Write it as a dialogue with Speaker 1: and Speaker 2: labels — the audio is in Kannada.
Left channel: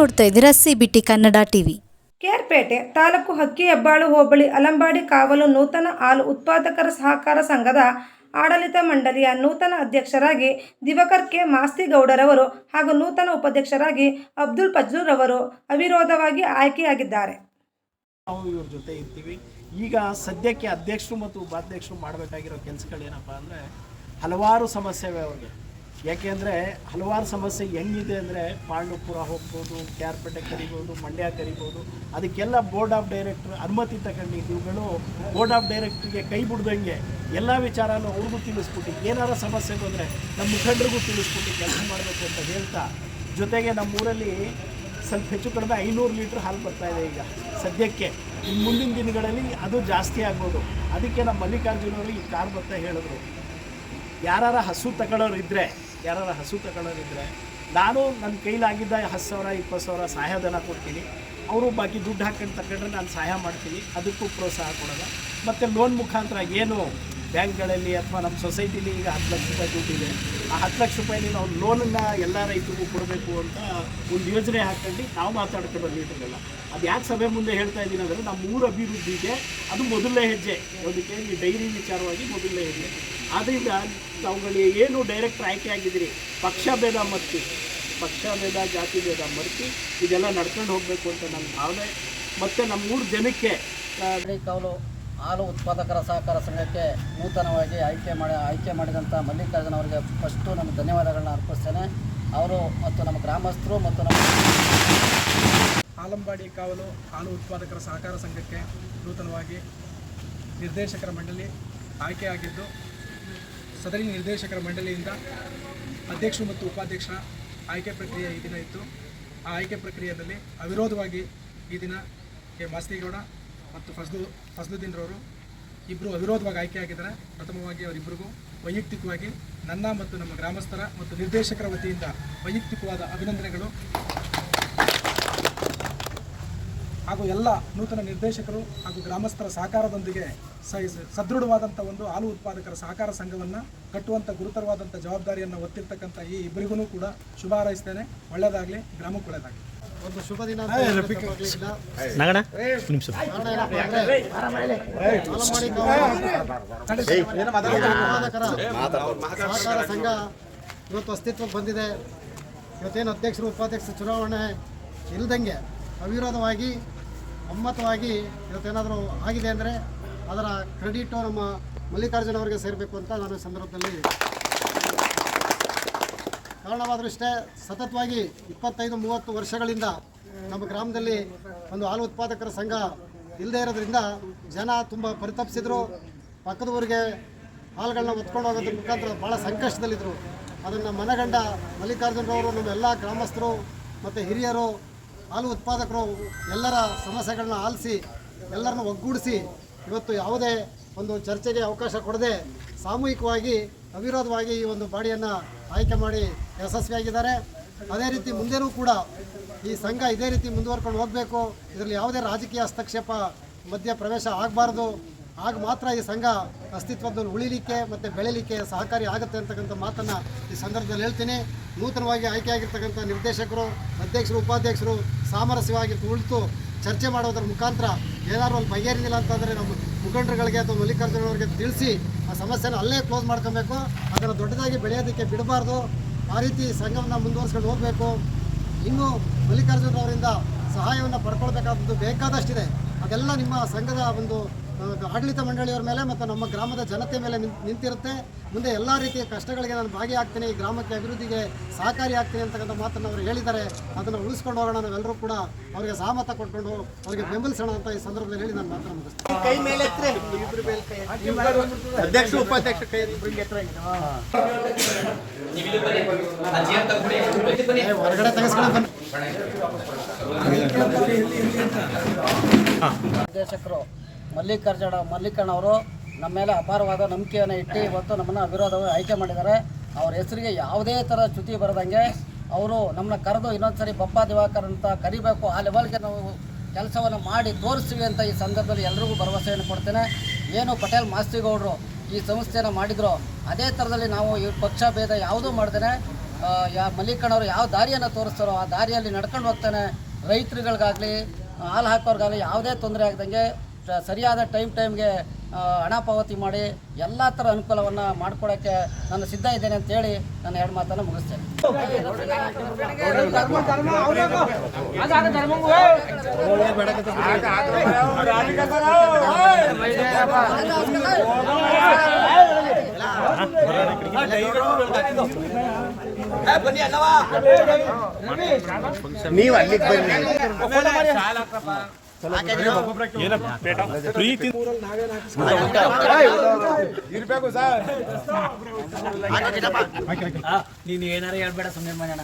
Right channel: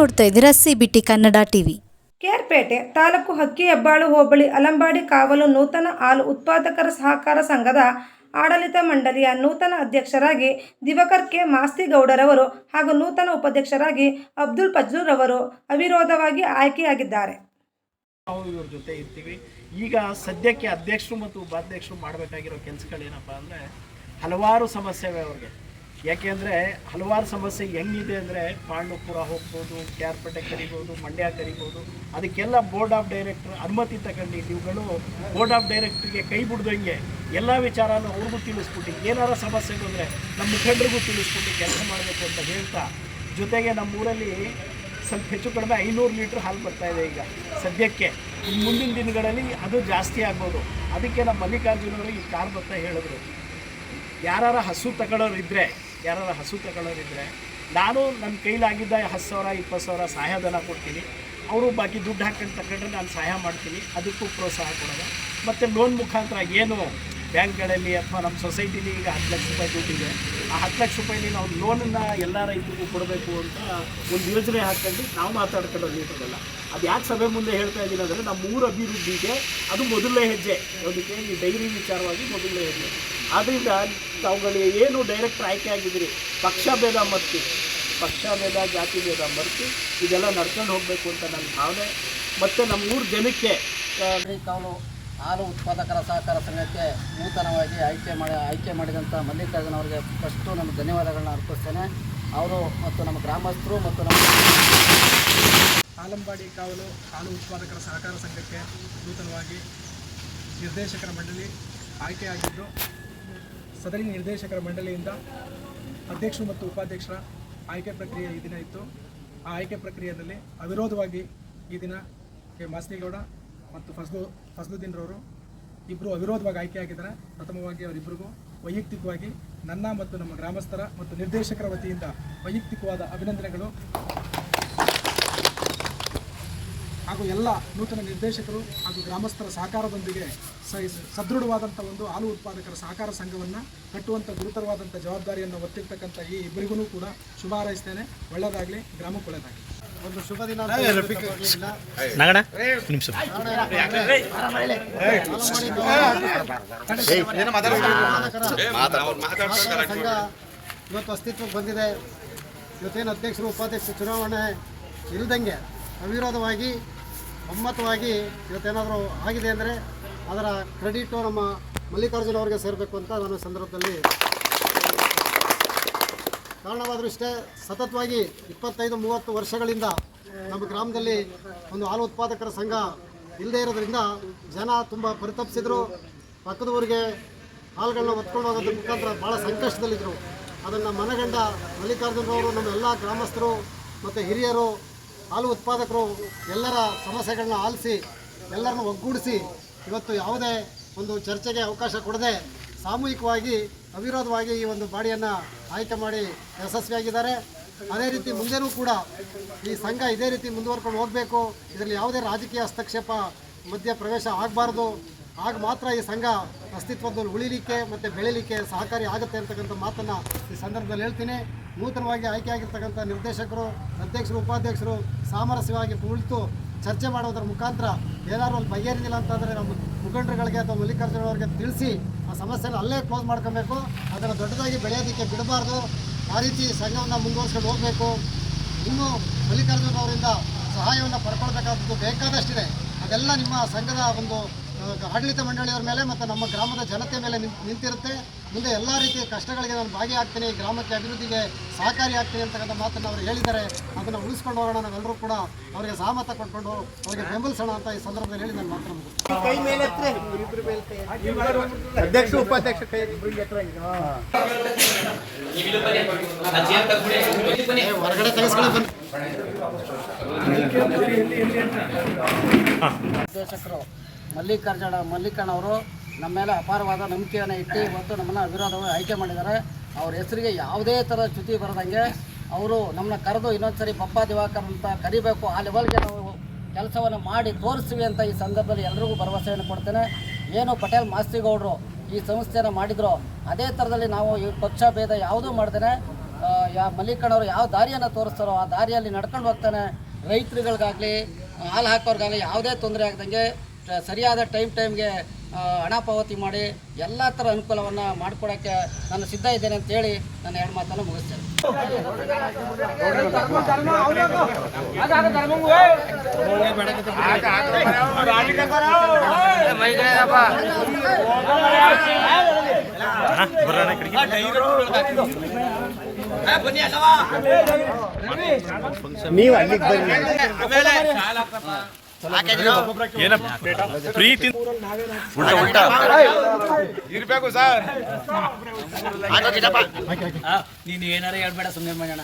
Speaker 1: ನೋಡ್ತಾ ಇದ್ದೀರಾ C B T Kannada TV
Speaker 2: Kerpete taluk ಹಕ್ಕಿ ಹೆಬ್ಬಾಳು ಹೋಬಳಿ ಅಲಂಬಾಡಿ ಕಾವಲು ನೂತನ ಹಾಲು ಉತ್ಪಾದಕರ ಸಹಕಾರ ಸಂಘದ ಆಡಳಿತ ಮಂಡಳಿಯ ನೂತನ ಅಧ್ಯಕ್ಷರಾಗಿ ದಿವಕರ್ ಕೆ ಮಾಸ್ತಿಗೌಡರವರು ಹಾಗೂ ನೂತನ ಉಪಾಧ್ಯಕ್ಷರಾಗಿ ಅಬ್ದುಲ್ ಫಜ್ಲುರವರು ಅವಿರೋಧವಾಗಿ ಆಯ್ಕೆಯಾಗಿದ್ದಾರೆ.
Speaker 3: ನಾವು ಇವ್ರ ಜೊತೆ ಇರ್ತೀವಿ. ಈಗ ಸದ್ಯಕ್ಕೆ ಅಧ್ಯಕ್ಷರು ಮತ್ತು ಉಪಾಧ್ಯಕ್ಷರು ಮಾಡಬೇಕಾಗಿರೋ ಕೆಲಸಗಳೇನಪ್ಪ ಅಂದರೆ ಹಲವಾರು ಸಮಸ್ಯೆವೆ ಅವ್ರಿಗೆ. ಯಾಕೆಂದರೆ ಹಲವಾರು ಸಮಸ್ಯೆ ಹೆಂಗಿದೆ ಅಂದರೆ ಪಾಂಡವಪುರ ಹೋಗ್ಬೋದು ಕ್ಯಾರ್ಪೇಟೆ ಕರಿಬೋದು, ಮಂಡ್ಯ ಕರಿಬೋದು. ಅದಕ್ಕೆಲ್ಲ ಬೋರ್ಡ್ ಆಫ್ ಡೈರೆಕ್ಟರ್ ಅನುಮತಿ ತಗೊಂಡು ಇವುಗಳು. ಬೋರ್ಡ್ ಆಫ್ ಡೈರೆಕ್ಟ್ರಿಗೆ ಕೈ ಬಿಡ್ದಂಗೆ ಎಲ್ಲ ವಿಚಾರನೂ ಅವ್ರಿಗೂ ತಿಳಿಸ್ಬಿಟ್ಟು ಏನಾರ ಸಮಸ್ಯೆ ಬಂದರೆ ನಮ್ಮ ಮುಖಂಡರಿಗೂ ತಿಳಿಸ್ಬಿಟ್ಟು ಕೆಲಸ ಮಾಡಬೇಕು ಅಂತ ಹೇಳ್ತಾ, ಜೊತೆಗೆ ನಮ್ಮೂರಲ್ಲಿ ಸ್ವಲ್ಪ ಹೆಚ್ಚು ಕಡಿಮೆ ಐನೂರು ಲೀಟ್ರ್ ಹಾಲು ಬರ್ತಾ ಇದೆ ಈಗ ಸದ್ಯಕ್ಕೆ. ಇನ್ನು ಮುಂದಿನ ದಿನಗಳಲ್ಲಿ ಅದು ಜಾಸ್ತಿ ಆಗ್ಬೋದು. ಅದಕ್ಕೆ ನಮ್ಮ ಮಲ್ಲಿಕಾರ್ಜುನವರು ಈ ಕಾರ್ ಬರ್ತಾ ಹೇಳಿದ್ರು. ಯಾರು ಹಸು ತಗೊಳ್ಳೋರು ಇದ್ದರೆ ಯಾರಾರ ಹಸು ತಗೊಳ್ಳೋರು ಇದ್ದರೆ ನಾನು ನನ್ನ ಕೈಲಾಗಿದ್ದ ಹತ್ತು ಸಾವಿರ, ಇಪ್ಪತ್ತು ಸಾವಿರ ಸಹಾಯಧನ ಕೊಡ್ತೀನಿ. ಅವರು ಬಾಕಿ ದುಡ್ಡು ಹಾಕೊಂಡು ತಗೊಂಡ್ರೆ ನಾನು ಸಹಾಯ ಮಾಡ್ತೀನಿ. ಅದಕ್ಕೂ ಪ್ರೋತ್ಸಾಹ ಕೊಡೋದು. ಮತ್ತು ಲೋನ್ ಮುಖಾಂತರ ಏನು ಬ್ಯಾಂಕ್ಗಳಲ್ಲಿ ಅಥವಾ ನಮ್ಮ ಸೊಸೈಟಿಲಿ ಈಗ ಹತ್ತು ಲಕ್ಷ ರೂಪಾಯಿ ದುಡ್ಡಿದೆ ಆ ಹತ್ತು ಲಕ್ಷ ರೂಪಾಯಿಲಿ ನಾವು ಲೋನನ್ನು ಎಲ್ಲ ರೈತರಿಗೂ ಕೊಡಬೇಕು ಅಂತ ಒಂದು ಯೋಜನೆ ಹಾಕ್ಕೊಂಡು ನಾವು ಮಾತಾಡ್ಕೊಂಡು ಲೀಟರಲ್ಲ ಅದು ಯಾಕೆ ಸಭೆ ಮುಂದೆ ಹೇಳ್ತಾ ಇದ್ದೀನಿ ಅಂದರೆ ನಮ್ಮ ಊರ ಅಭಿವೃದ್ಧಿಗೆ ಅದು ಮೊದಲನೇ ಹೆಜ್ಜೆ. ಅದಕ್ಕೆ ಈ ಡೈರಿ ವಿಚಾರವಾಗಿ ಮೊದಲನೇ ಹೆಜ್ಜೆ. ಆದ್ದರಿಂದ ತಾವುಗಳಿಗೆ ಏನು ಡೈರೆಕ್ಟ್ ಆಯ್ಕೆ ಆಗಿದ್ದೀರಿ? ಪಕ್ಷ ಭೇದ ಮರ್ತಿ. ಪಕ್ಷ ಭೇದ ಜಾತಿ ಭೇದ ಮರ್ತಿ. ಇದೆಲ್ಲ ನಡ್ಕೊಂಡು ಹೋಗಬೇಕು ಅಂತ ನನ್ನ ಭಾವನೆ. ಮತ್ತು ನಮ್ಮ ಊರು ಜನಕ್ಕೆ ತಾವು
Speaker 4: ಕಾವಲು ಹಾಲು ಉತ್ಪಾದಕರ ಸಹಕಾರ ಸಂಘಕ್ಕೆ ನೂತನವಾಗಿ ಆಯ್ಕೆ ಮಾಡಿ ಆಯ್ಕೆ ಮಾಡಿದಂಥ ಮಲ್ಲಿಕಾರ್ಜುನ ಅವರಿಗೆ ಫಸ್ಟು ನಮ್ಮ ಧನ್ಯವಾದಗಳನ್ನ ಅರ್ಪಿಸ್ತೇನೆ. ಅವರು ಮತ್ತು ನಮ್ಮ ಗ್ರಾಮಸ್ಥರು ಮತ್ತು ನಮ್ಮ
Speaker 5: ಆಲಂಬಾಡಿ ಕಾವಲು ಹಾಲು ಉತ್ಪಾದಕರ ಸಹಕಾರ ಸಂಘಕ್ಕೆ ನೂತನವಾಗಿ ನಿರ್ದೇಶಕರ ಮಂಡಳಿ ಆಯ್ಕೆಯಾಗಿದ್ದು ಸದರಿ ನಿರ್ದೇಶಕರ ಮಂಡಳಿಯಿಂದ ಅಧ್ಯಕ್ಷರು ಮತ್ತು ಉಪಾಧ್ಯಕ್ಷರ ಆಯ್ಕೆ ಪ್ರಕ್ರಿಯೆ ಈ ದಿನ ಇತ್ತು. ಆ ಆಯ್ಕೆ ಪ್ರಕ್ರಿಯೆಯಲ್ಲಿ ಅವಿರೋಧವಾಗಿ ಈ ದಿನ ಕೆ ಮಾಸ್ತಿಗೌಡ ಮತ್ತು ಫಸ್ಲು, ಫಸ್ಲುದ್ದೀನ್ರವರು ಇಬ್ಬರು ಅವಿರೋಧವಾಗಿ ಆಯ್ಕೆಯಾಗಿದ್ದಾರೆ. ಪ್ರಥಮವಾಗಿ ಅವರಿಬ್ಬರಿಗೂ ವೈಯಕ್ತಿಕವಾಗಿ ನನ್ನ ಮತ್ತು ನಮ್ಮ ಗ್ರಾಮಸ್ಥರ ಮತ್ತು ನಿರ್ದೇಶಕರ ವತಿಯಿಂದ ವೈಯಕ್ತಿಕವಾದ ಅಭಿನಂದನೆಗಳು. ಹಾಗೂ ಎಲ್ಲ ನೂತನ ನಿರ್ದೇಶಕರು ಹಾಗೂ ಗ್ರಾಮಸ್ಥರ ಸಹಕಾರದೊಂದಿಗೆ ಸ ಸದೃಢವಾದಂಥ ಒಂದು ಹಾಲು ಉತ್ಪಾದಕರ ಸಹಕಾರ ಸಂಘವನ್ನು ಕಟ್ಟುವಂಥ ಗುರುತರವಾದಂಥ ಜವಾಬ್ದಾರಿಯನ್ನು ಹೊತ್ತಿರ್ತಕ್ಕಂಥ ಈ ಇಬ್ಬರಿಗೂ ಕೂಡ ಶುಭ ಹಾರೈಸ್ತೇನೆ. ಒಳ್ಳೆಯದಾಗಲಿ ಗ್ರಾಮಕ್ಕೆ ಒಳ್ಳೆಯದಾಗಲಿ ಒಂದು ಶುಭ ದಿನ
Speaker 4: ಸಂಘ ಇವತ್ತು ಅಸ್ತಿತ್ವಕ್ಕೆ ಬಂದಿದೆ. ಇವತ್ತೇನು ಅಧ್ಯಕ್ಷರು ಉಪಾಧ್ಯಕ್ಷರು ಚುನಾವಣೆ ಇಲ್ದಂಗೆ ಅವಿರೋಧವಾಗಿ ಒಮ್ಮತವಾಗಿ ಇವತ್ತೇನಾದರೂ ಆಗಿದೆ ಅಂದರೆ ಅದರ ಕ್ರೆಡಿಟು ನಮ್ಮ ಮಲ್ಲಿಕಾರ್ಜುನ ಅವರಿಗೆ ಸೇರಬೇಕು ಅಂತ ನಾನು ಸಂದರ್ಭದಲ್ಲಿ ಕಾರಣವಾದರೂ ಇಷ್ಟೇ, ಸತತವಾಗಿ ಇಪ್ಪತ್ತೈದು, ಮೂವತ್ತು ವರ್ಷಗಳಿಂದ ನಮ್ಮ ಗ್ರಾಮದಲ್ಲಿ ಒಂದು ಹಾಲು ಉತ್ಪಾದಕರ ಸಂಘ ಇಲ್ಲದೇ ಇರೋದ್ರಿಂದ ಜನ ತುಂಬ ಪರಿತಪಿಸಿದ್ರು. ಪಕ್ಕದ ಊರಿಗೆ ಹಾಲುಗಳನ್ನ ಹೊತ್ಕೊಂಡು ಹೋಗೋದ್ರ ಮುಖಾಂತರ ಭಾಳ ಸಂಕಷ್ಟದಲ್ಲಿದ್ದರು ಅದನ್ನು ಮನಗಂಡ ಮಲ್ಲಿಕಾರ್ಜುನರವರು ನಮ್ಮ ಎಲ್ಲ ಗ್ರಾಮಸ್ಥರು ಮತ್ತು ಹಿರಿಯರು ಹಾಲು ಉತ್ಪಾದಕರು ಎಲ್ಲರ ಸಮಸ್ಯೆಗಳನ್ನ ಆಲಿಸಿ, ಎಲ್ಲರನ್ನ ಒಗ್ಗೂಡಿಸಿ ಇವತ್ತು ಯಾವುದೇ ಒಂದು ಚರ್ಚೆಗೆ ಅವಕಾಶ ಕೊಡದೆ ಸಾಮೂಹಿಕವಾಗಿ, ಅವಿರೋಧವಾಗಿ ಈ ಒಂದು ಬಾಡಿಯನ್ನು ಆಯ್ಕೆ ಮಾಡಿ ಯಶಸ್ವಿಯಾಗಿದ್ದಾರೆ ಅದೇ ರೀತಿ ಮುಂದೆನೂ ಕೂಡ ಈ ಸಂಘ ಇದೇ ರೀತಿ ಮುಂದುವರ್ಕೊಂಡು ಹೋಗಬೇಕು. ಇದರಲ್ಲಿ ಯಾವುದೇ ರಾಜಕೀಯ ಹಸ್ತಕ್ಷೇಪ ಮಧ್ಯ ಪ್ರವೇಶ ಆಗಬಾರ್ದು. ಆಗ ಮಾತ್ರ ಈ ಸಂಘ ಅಸ್ತಿತ್ವದಲ್ಲಿ ಉಳಿಲಿಕ್ಕೆ ಮತ್ತು ಬೆಳೀಲಿಕ್ಕೆ ಸಹಕಾರಿ ಆಗುತ್ತೆ ಅಂತಕ್ಕಂಥ ಮಾತನ್ನು ಈ ಸಂದರ್ಭದಲ್ಲಿ ಹೇಳ್ತೀನಿ. ನೂತನವಾಗಿ ಆಯ್ಕೆಯಾಗಿರ್ತಕ್ಕಂಥ ನಿರ್ದೇಶಕರು, ಅಧ್ಯಕ್ಷರು, ಉಪಾಧ್ಯಕ್ಷರು ಸಾಮರಸ್ಯವಾಗಿ ಕುಳಿತು ಚರ್ಚೆ ಮಾಡೋದ್ರ ಮುಖಾಂತರ ಏನಾದರೂ ಅಲ್ಲಿ ಬಗೆಹರಿದಿಲ್ಲ ಅಂತಂದರೆ ನಮ್ಮ ಮುಖಂಡರುಗಳಿಗೆ ಅಥವಾ ಮಲ್ಲಿಕಾರ್ಜುನ ಅವರಿಗೆ ತಿಳಿಸಿ ಆ ಸಮಸ್ಯೆನ ಅಲ್ಲೇ ಕ್ಲೋಸ್ ಮಾಡ್ಕೊಬೇಕು. ಅದನ್ನು ದೊಡ್ಡದಾಗಿ ಬೆಳೆಯೋದಕ್ಕೆ ಬಿಡಬಾರ್ದು. ಆ ರೀತಿ ಸಂಘವನ್ನು ಮುಂದುವರ್ಸ್ಕೊಂಡು ಹೋಗಬೇಕು. ಇನ್ನೂ ಮಲ್ಲಿಕಾರ್ಜುನ ಅವರಿಂದ ಸಹಾಯವನ್ನು ಪಡ್ಕೊಳ್ಬೇಕಾದದ್ದು ಬೇಕಾದಷ್ಟಿದೆ. ಅದೆಲ್ಲ ನಿಮ್ಮ ಸಂಘದ ಒಂದು ಆಡಳಿತ ಮಂಡಳಿಯವರ ಮೇಲೆ ಮತ್ತು ನಮ್ಮ ಗ್ರಾಮದ ಜನತೆ ಮೇಲೆ ನಿಂತಿರುತ್ತೆ. ಮುಂದೆ ಎಲ್ಲ ರೀತಿಯ ಕಷ್ಟಗಳಿಗೆ ನಾನು ಭಾಗಿಯಾಗ್ತೀನಿ. ಈ ಗ್ರಾಮಕ್ಕೆ ಅಭಿವೃದ್ಧಿಗೆ ಸಹಕಾರಿ ಆಗ್ತೀನಿ ಅಂತಕ್ಕಂಥ ಮಾತನ್ನು ಅವರು ಹೇಳಿದ್ದಾರೆ. ಅದನ್ನು ಉಳಿಸ್ಕೊಂಡು ಹೋಗೋಣ. ನಾವೆಲ್ಲರೂ ಕೂಡ ಅವರಿಗೆ ಸಹಮತ ಕೊಟ್ಕೊಂಡು ಅವರಿಗೆ ಬೆಂಬಲಿಸೋಣ ಅಂತ ಈ ಸಂದರ್ಭದಲ್ಲಿ ಹೇಳಿ ನಾನು ಮಾತ್ರ ಮುಗಿಸ್ತೀನಿ. ಹೊರಗಡೆ ಕಳಿಸ್ಕೊಂಡು ಬನ್ನಿ ನಿರ್ದೇಶಕರು ಮಲ್ಲಿಕಾರ್ಜುನ ಮಲ್ಲಿಕಣ್ಣ ಅವರು ನಮ್ಮ ಮೇಲೆ ಅಪಾರವಾದ ನಂಬಿಕೆಯನ್ನು ಇಟ್ಟು ಇವತ್ತು ನಮ್ಮನ್ನು ಅವಿರೋಧವಾಗಿ ಆಯ್ಕೆ ಮಾಡಿದ್ದಾರೆ. ಅವ್ರ ಹೆಸರಿಗೆ ಯಾವುದೇ ಥರ ಚ್ಯುತಿ ಬರದಂಗೆ ಅವರು ನಮ್ಮನ್ನ ಕರೆದು ಇನ್ನೊಂದ್ಸರಿ ಬಪ್ಪ ದಿವಾಕರ್ ಅಂತ ಕರಿಬೇಕು, ಆ ಲೆವೆಲ್ಗೆ ನಾವು ಕೆಲಸವನ್ನು ಮಾಡಿ ತೋರಿಸ್ತೀವಿ ಅಂತ ಈ ಸಂದರ್ಭದಲ್ಲಿ ಎಲ್ರಿಗೂ ಭರವಸೆಯನ್ನು ಕೊಡ್ತೇನೆ. ಏನು ಪಟೇಲ್ ಮಾಸ್ತಿಗೌಡರು ಈ ಸಂಸ್ಥೆಯನ್ನು ಮಾಡಿದ್ರು ಅದೇ ಥರದಲ್ಲಿ ನಾವು ಈ ಪಕ್ಷ ಭೇದ ಯಾವುದೂ ಮಾಡ್ದೇನೆ.
Speaker 6: ಯಾ ಮಲ್ಲಿಕಣ್ಣವರು ಯಾವ ದಾರಿಯನ್ನು ತೋರಿಸ್ತಾರೋ ಆ ದಾರಿಯಲ್ಲಿ ನಡ್ಕೊಂಡು ಹೋಗ್ತಾನೆ. ರೈತರುಗಳಿಗಾಗಲಿ, ಹಾಲು ಹಾಕೋರ್ಗಾಗಲಿ ಯಾವುದೇ ತೊಂದರೆ ಆಗ್ದಂಗೆ ಸರಿಯಾದ ಟೈಮ್ ಟೈಮ್ಗೆ ಹಣ ಪಾವತಿ ಮಾಡಿ, ಎಲ್ಲ ಥರ ಅನುಕೂಲವನ್ನು ಮಾಡಿಕೊಡೋಕ್ಕೆ ನಾನು ಸಿದ್ಧ ಇದ್ದೇನೆ ಅಂತೇಳಿ ನಾನು ಎರಡು ಮಾತನ್ನು ಮುಗಿಸ್ತೇನೆ. ನೀನು ಏನಾರ ಹೇಳ್ಬೇಡ ಸುಮ್ಮನೆ ಮಾಡೋಣ